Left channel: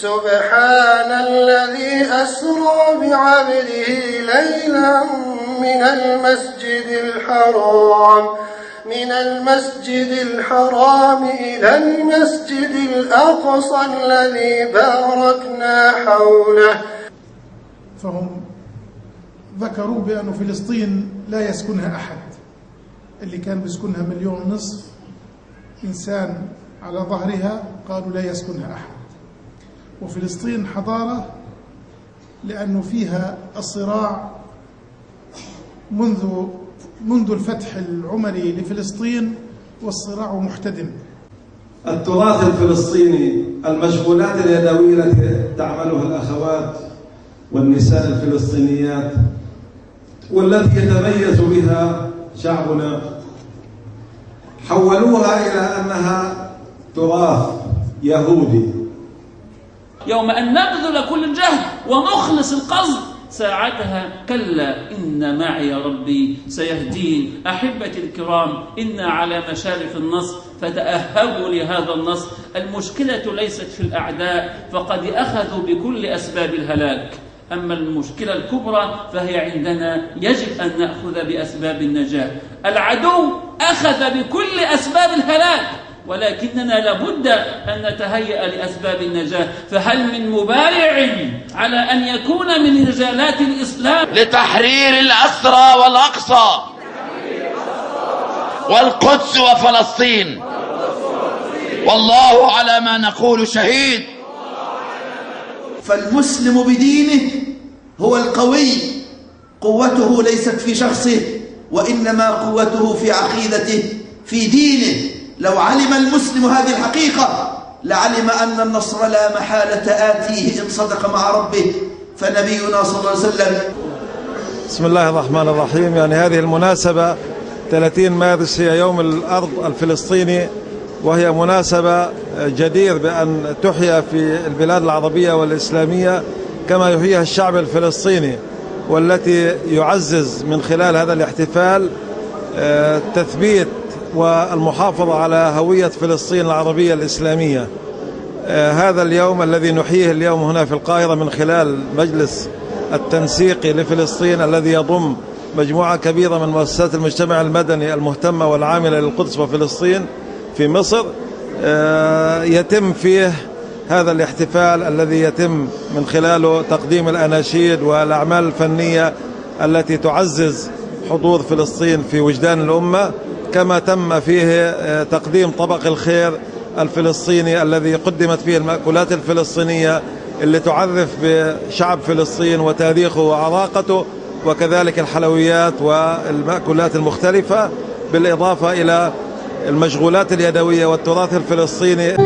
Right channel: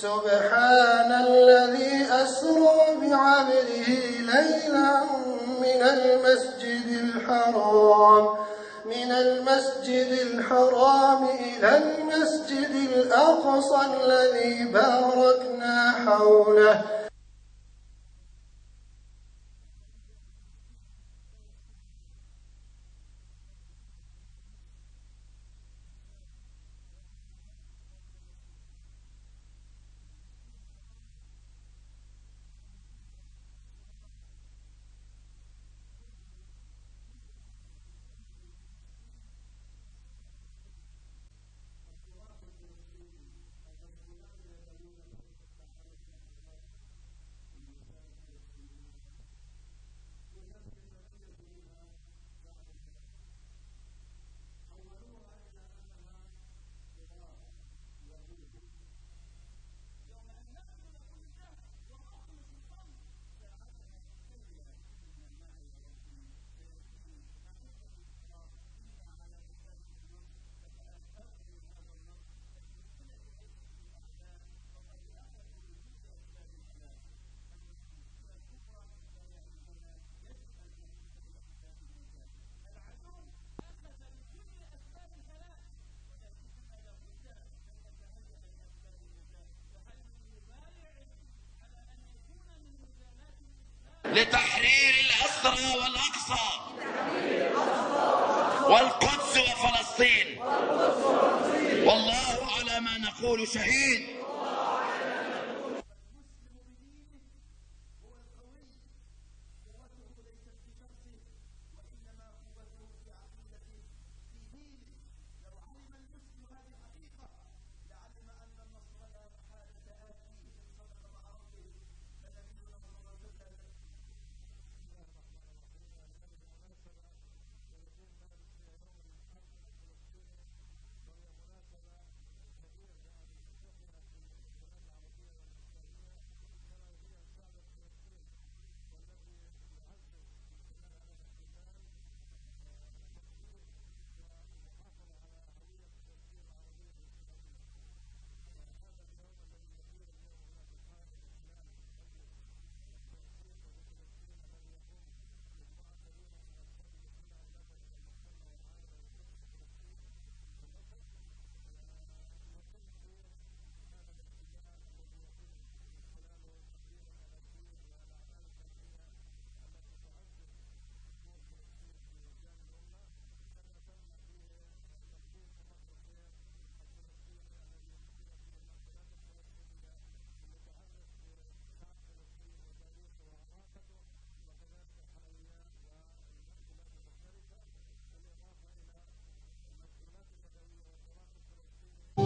سبحان الذي أسرى بعبده ليلا من المسجد الحرام إلى المسجد الأقصى الذي باركنا حوله. فهم ذكروا بأن فلسطين لا يسكنها أحد، اللي كان بيسكنها 1.5 مليون إنسان على ظهرها قالوا لا يسكنها أحد. وفلسطين حضارة لأنه فيها الصراع منذ الفتح العمري لفلسطين، والصراع محتدم. التراث الفلسطيني، المشغولات اليدوية التي تعملها الأخوات والنساء الفلسطينيات والتي يتميز بها شعبنا، حولوها إلى أنها تراث يهودي. يوم أن نبذل كل الجهد ونخلص القصد ساعتها كلا إن معي ربي سيهدين. أحبتي الكرام، إنا على مشارف النصر فتأهبوا لهذا النصر. المشكلة ليست في الأعداء، فقد أخذوا بكل أسباب الهلاك، أما المشكلة الكبرى فهي عندنا، يجب أن نأخذ بأسباب النجاة. العدو أخذ بكل أسباب الهلاك، ولكننا لابد أن نتهيأ لأسباب النجاة. فهل من مبايع على أن يكون من رجالات الإسلام لتحرير الأسرى والأقصى والقدس وفلسطين؟ والله على ما نقول شهيد. فالمسلم بدينه هو القوي، قوته ليست في شخصه، وإنما قوته في عقيدته، في دينه. لو علم المسلم هذه الحقيقة لعلم أن النصر لا محالة آتيه إن صدق مع ربه. فنبينا صلى الله عليه وسلم. بسم الله الرحمن الرحيم. يعني هذه المناسبة 30 مارس هي يوم الأرض الفلسطيني، وهي مناسبة جدير بأن تحيا في البلاد العربية والإسلامية كما يحييها الشعب الفلسطيني، والتي يعزز من خلال هذا الاحتفال تثبيت والمحافظة على هوية فلسطين العربية الإسلامية. هذا اليوم الذي نحييه اليوم هنا في القاهرة من خلال مجلس التنسيقي لفلسطين، الذي يضم مجموعة كبيرة من مؤسسات المجتمع المدني المهتمة والعاملة للقدس وفلسطين في مصر، يتم فيه هذا الاحتفال الذي يتم من خلاله تقديم الأناشيد والأعمال الفنية التي تعزز حضور فلسطين في وجدان الأمة، كما تم فيه تقديم طبق الخير الفلسطيني الذي قدمت فيه المأكولات الفلسطينية اللي تعرف بشعب فلسطين وتاريخه وعراقته، وكذلك الحلويات والمأكولات المختلفة، بالإضافة إلى المشغولات اليدوية والتراث الفلسطيني.